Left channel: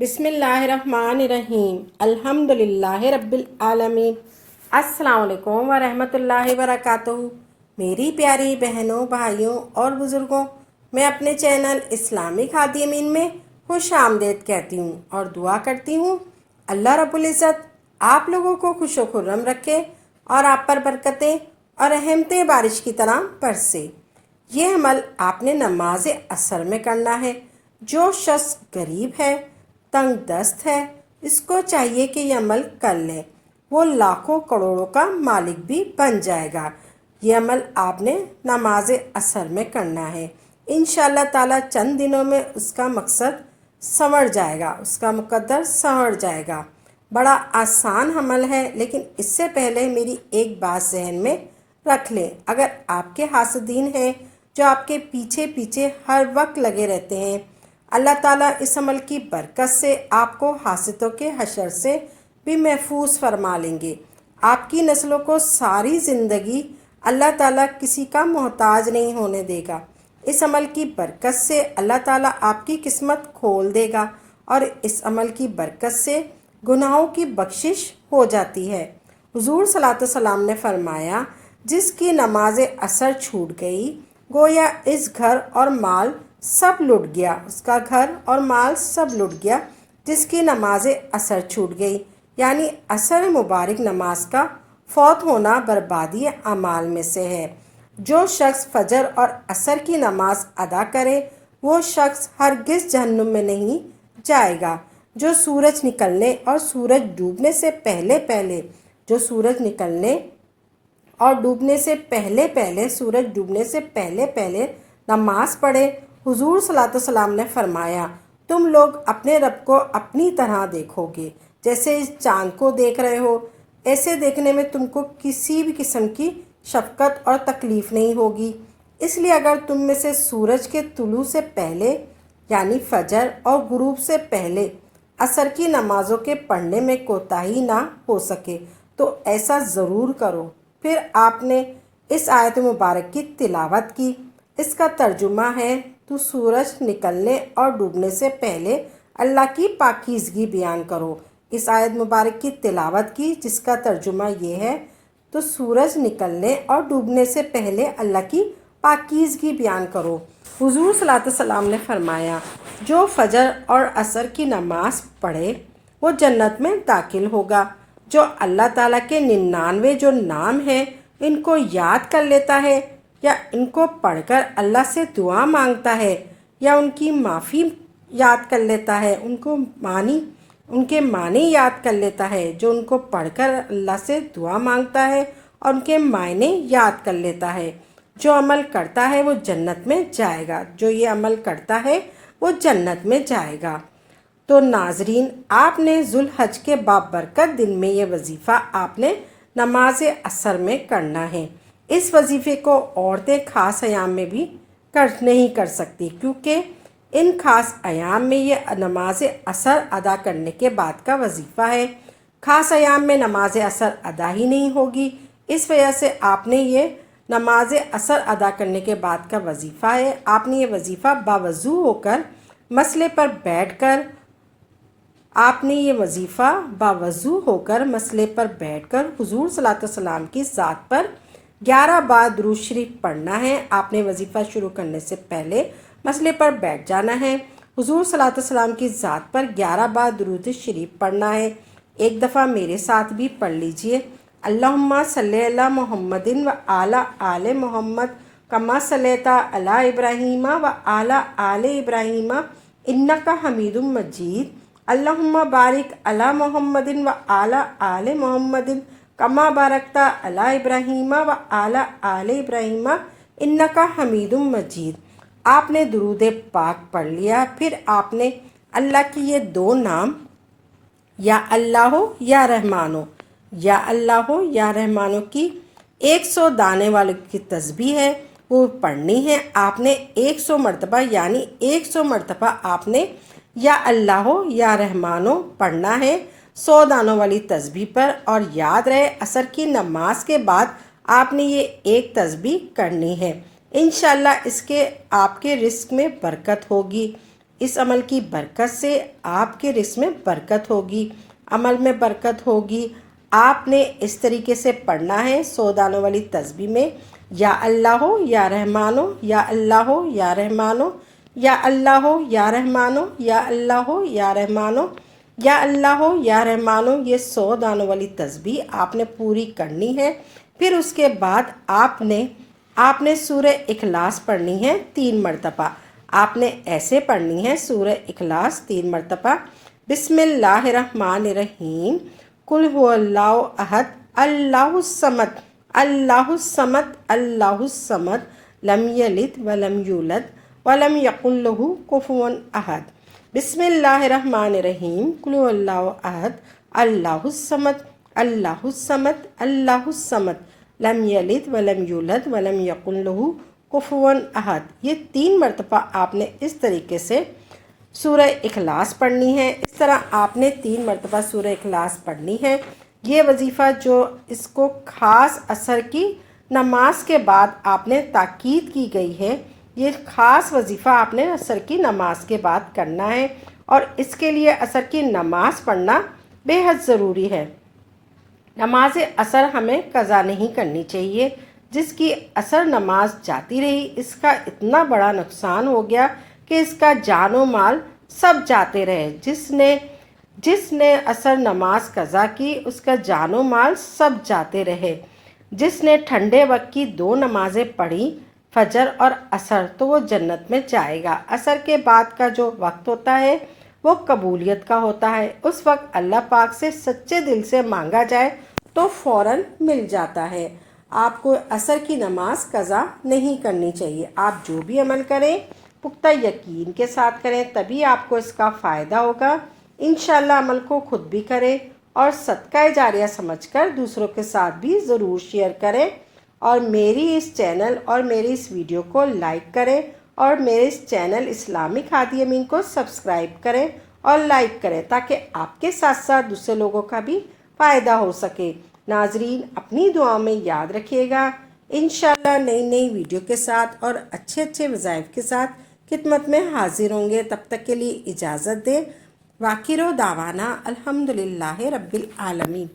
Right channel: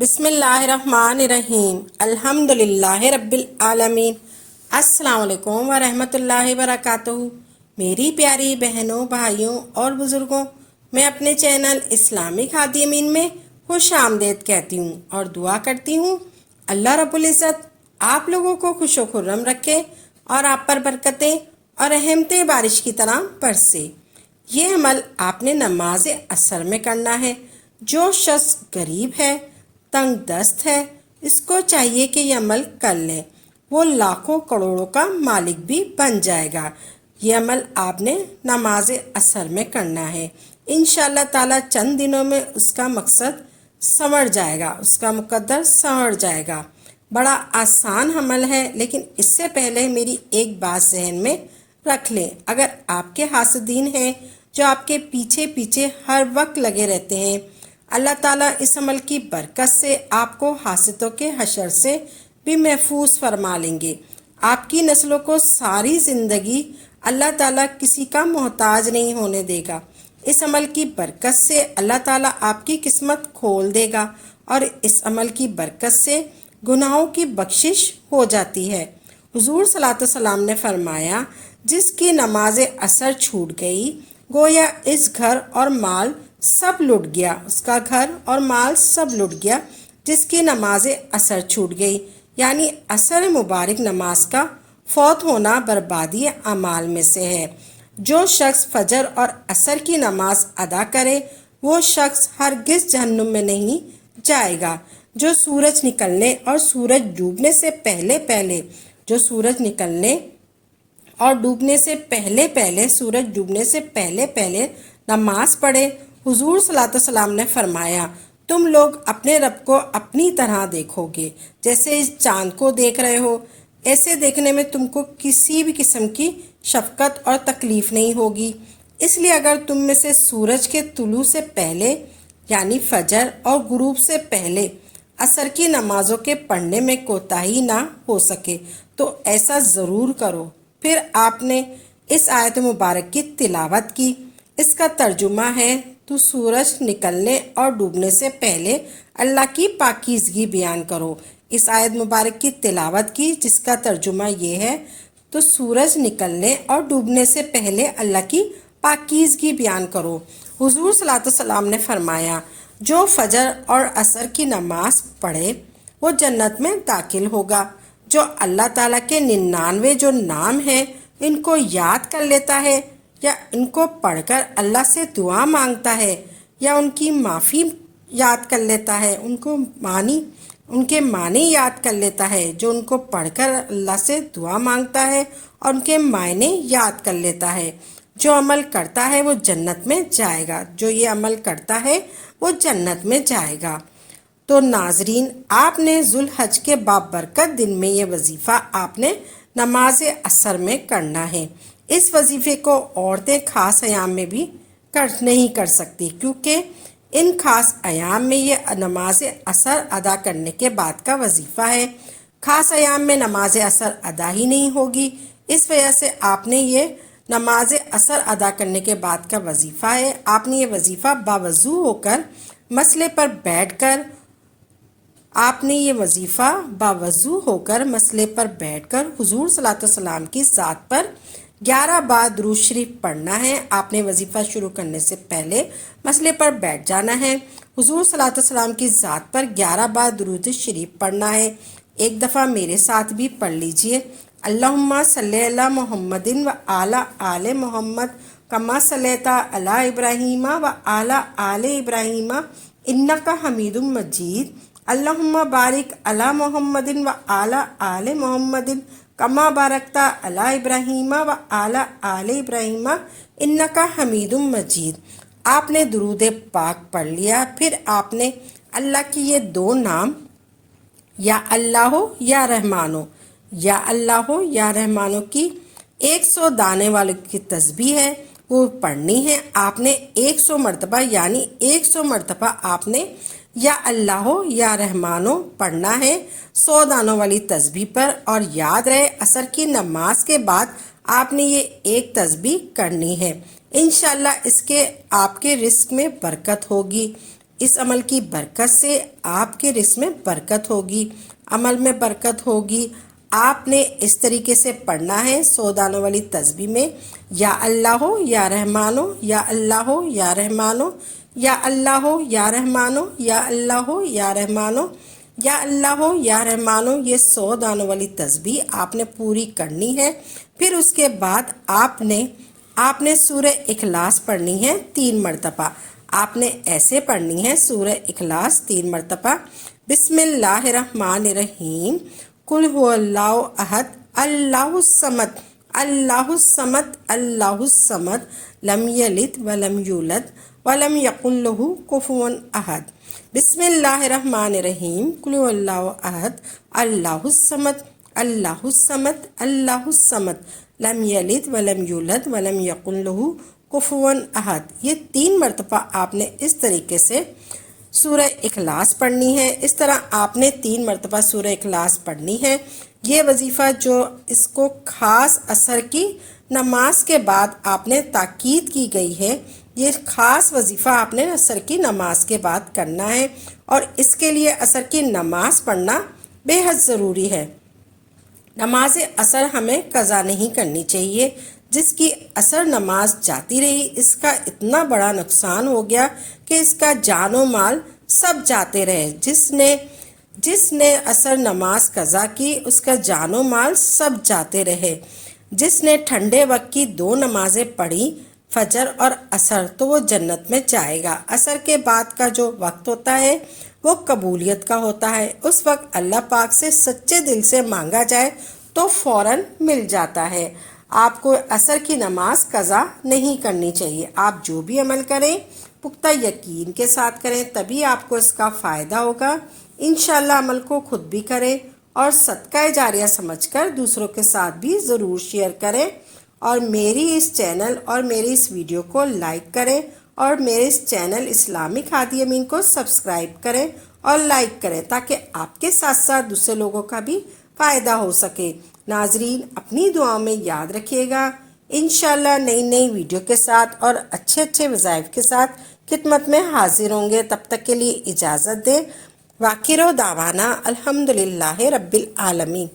بسم اللہ الرحمن الرحیم الحمدللہ رب العالمین۔ السلام علیکم ورحمۃ اللہ وبرکاتہ۔ میری پیاری بہنوں، بھائیوں اور بزرگوں، میں اپنے چینل اسلامی ہادی امین میں خوش آمدید کہتی ہوں اور دعا کرتی ہوں اللہ رب العزت آپ لوگوں کو خوش و خرم رکھے اور آپ پر برکتیں اور رحمتیں بارش کی طرح برسے۔ یہ عمل آپ نے نماز عصر میں کرنا ہے۔ جو شخص غریب ہے، تنگ دست ہے، اس کو چاہیے کہ یہ عمل کر لے، وہ لاکھوں کروڑوں کا مالک بھی بن جائے گا۔ یہ عمل آپ نے نماز عصر میں کرنا ہے۔ انشاءاللہ تعالی چند دنوں میں اس کا مقصد سنور جائے گا، اس کا مقدر سنور جائے گا۔ بڑا آسان عمل ہے، لیکن اس سے پہلے میری ایک بات ذہن میں رکھ لیں۔ اگر آپ کے حاسدین ہیں جو آپ کے پیچھے پیچھے ہر وقت لگے رہتے ہیں، اللہ تعالیٰ اس عمل کی برکت سے آپ کو حاسدوں کے حشر سے بھی محفوظ فرما لیں گے۔ آپ کی نسلوں کو ساری زندگی اللہ تعالیٰ کسی کا محتاج نہیں ہونے دے گا۔ اس عمل کی برکت سے اللہ تعالیٰ آپ کی قسمت کھول دے گا اور اس عمل کی برکت سے گناہوں کی بخشش ہو جاتی ہے۔ حضور صلی اللہ علیہ وسلم نے فرمایا، جس کی نماز عصر چھوٹ گئی گویا اس گھر اور مال سب لٹ گیا، اس کا گھر اور مال سب لٹ گیا۔ جس کی نماز عصر چھوٹ گئی یعنی عصر مبارک نماز کا فوت ہونا بربادی اعمال میں سے ہے۔ جو شخص فجر اور عصر کی نماز ادا کرے وہ شخص ہرگز جہنم میں نہیں جائے گا۔ جو سورج نکلنے اور سورج ڈوبنے سے پہلے پہلے سورج ڈوبنے سے پہلے پہلے نماز پڑھے، حضور صلی اللہ علیہ وسلم نے فرمایا، تم لوگ اپنے رب کو اپنی طرح دیکھو گے، جیسے اس چاند کو دیکھ رہے ہو۔ ایسے دیکھنے میں تم کو کسی بھی قسم کی شفقت اور تکلیف نہیں ہوگی۔ اس لیے اگر تم میں سے سورج کے طلوع سے پہلے یعنی فجر اور غروب سے پہلے عصر کی نمازوں کے پڑھنے میں کوتاہی نہ ہو سکے تو ایسا ضرور کرو۔ پھر آپ نے اس آیت مبارک کی تلاوت کی۔ اس کا ترجمہ ہے، تو سورج نکلنے اور ڈوبنے سے پہلے اللہ کی پاکیزگی بیان کرو۔ اس آیت مبارک کی تلاوت کی جس کا ترجمہ یہ ہے، تو سورج نکلنے اور ڈوبنے سے پہلے اللہ کی پاکیزگی بیان کرو۔ حضور صلی اللہ علیہ وسلم نے فرمایا، جو فجر اور عصر کی نماز پڑھے وہ جنت میں داخل ہوگا۔ جو اللہ تعالیٰ کے 99 جو نام ہیں ان کو یاد کر لیتا ہے یا ان کو پڑھ کر اللہ سے دعا مانگتا ہے یا ان کی معافی یاد کر لیتا ہے، ان کے معنی یاد کر لیتا ہے، جو ان کو پڑھ کر اللہ سے دعا مانگتا ہے اور ان کے معنی یاد کر لیتا ہے، جو عمل کرتا ہے وہ جنت میں جائے گا۔ جو یہ عمل کرتا ہے وہ جنت میں جائے گا۔ تو ناظرین، آپ نے ذوالحج کے بابرکت دن میں یہ وظیفہ آپ نے نماز عصر میں کرنا ہے۔ اس وظیفے کو عورتیں خاص ایام میں بھی نہیں کر سکتی، کیونکہ ان خاص ایام میں یہ نماز عصر ادا کرنے کے بعد کا وظیفہ ہے۔ خاص ایام میں نماز عصر ادا ہی نہیں ہوگی، اس وجہ سے آپ نے یہ نماز عصر ادا کرنے کے بعد کا وظیفہ ہے۔ آپ نے یہ وظیفہ باوضو ہو کر مسئلے پر بیٹھ کر حضور صلی اللہ علیہ وسلم کی ذات پر 11 بار درود شریف پڑھنا ہے۔ آپ نے وظیفہ شروع کرنے سے پہلے مسئلے پر بیٹھ جانا ہے، حضور صلی اللہ علیہ وسلم کی ذات پر 11 بار درود شریف پڑھنا ہے۔ ایک دفعہ میرے ساتھ بھی پڑھ لیجئے، اللہم صلی علی محمد و علی آل محمد کما صلیت علی ابراہیم و علی آل ابراہیم انک حمید مجید، اللہم بارک علی محمد و علی آل محمد کما بارکت علی ابراہیم و علی آل ابراہیم انک حمید مجید۔ آپ نے درود پاک پڑھ لیا، پھر آپ نے اللہ کی یہ 2 نام یا اللہ یا رحمانو کی 100 دانے والے کی تسبیح ہے وہ پڑھنی ہے۔ آپ نے 100 مرتبہ یعنی 100 مرتبہ آپ نے یا اللہ یا رحمانو پڑھنا ہے 100 دانوں والی تسبیح پر، اور یاد رہے عصر کی نماز کے بعد آپ نے یہ ایک تسبیح کرنی ہے۔ انشاءاللہ اس کے آپ کے رزق میں برکت ہوگی۔ اس عمل کی برکت سے آپ کے رزق میں برکت ہوگی، عمل میں برکت ہوگی۔ آپ نے اس طریقے سے پڑھنا ہے 100 دانوں والی تسبیح میں، یا اللہ ہو یا رحمان ہو، یا اللہ ہو یا رحمان ہو، یا اللہ ہو یا رحمان ہو، یا اللہ ہو یا رحمان ہو، یا اللہ ہو یا رحمان ہو۔ یہ 100 دانوں والی تسبیح آپ نے پوری کرنی ہے۔ پھر اس کے بعد آپ نے سورہ اخلاص پڑھنی ہے 3 مرتبہ۔ آپ نے ایسے پڑھنی ہے سورہ اخلاص 3 مرتبہ۔ بسم اللہ الرحمن الرحیم، قل هو اللہ احد اللہ الصمد اللہ الصمد اللہ الصمد، لم یلد ولم یولد ولم یکن لہ کفوا احد۔ بسم اللہ الرحمن الرحیم، قل هو اللہ احد اللہ الصمد اللہ الصمد اللہ الصمد، لم یلد ولم یولد ولم یکن لہ کفوا احد۔ یہ 3 مرتبہ آپ نے اس طریقے سے سورہ اخلاص پڑھنی ہے۔ اس طرح آپ نے 3 مرتبہ سورہ اخلاص پڑھنی ہے۔ یہ وظیفہ جو اس کو خاص عصر کی نماز کے بعد آپ نے تاکید کی گئی ہے، یہ خاص وظیفہ آپ نے عصر کی نماز کے بعد کرنا ہے، اور اس کے لیے عصر کی نماز پڑھنا بے حد ضروری ہے۔ نماز عصر ہمیں قضا نہیں کرنی چاہیے۔ جس کی عصر نماز جاتی رہی، اس کا اتنا بڑا نقصان ہو گیا کہ اس کا جان و مال سب جاتے رہے۔ جس نے عصر نماز قضا کی، اس کا جان و مال سب جاتے رہے۔ جس نے ٹھنڈے وقت کی 2 نمازیں پڑھی، فجر اور عصر، تو وہ جنت میں جائے گا۔ عصر کے بعد کا جو وقت ہوتا ہے وہ قبولیت کا ہوتا ہے۔ اس وقت اللہ پاک سے سچے دل سے مانگا جائے تو فوراً مل جاتا ہے۔ آپ کو عصر کی نماز قضا نہیں کرنی چاہیے۔ آپ جو بھی عمل کریں پختہ یقین کے ساتھ کریں، تبھی آپ کو اس کا فائدہ ہوگا۔ انشاءاللہ عمل کو خود بھی کریں اور صدقہ جاریہ سمجھ کر دوسروں کے ساتھ بھی ضرور شیئر کریں، اور میری اس چینل اور میری اس ویڈیو کو لائک کریں، اور میرے اس چینل اسلامک ہادی امین کو سبسکرائب کریں اور لائک کریں، تاکہ آپ کے ساتھ ساتھ دوسرے لوگوں کا بھی فائدہ ہو سکے۔ ناظرین، اپنی دعاؤں میں یاد رکھیے گا۔ انشاءاللہ نئی ویڈیو کے ساتھ اور اچھے وظائف کے ساتھ خدمت میں حاضر ہوں گے۔ تب تک کے لیے اجازت دیں۔ وآخر دعوانا الحمدللہ رب العالمین۔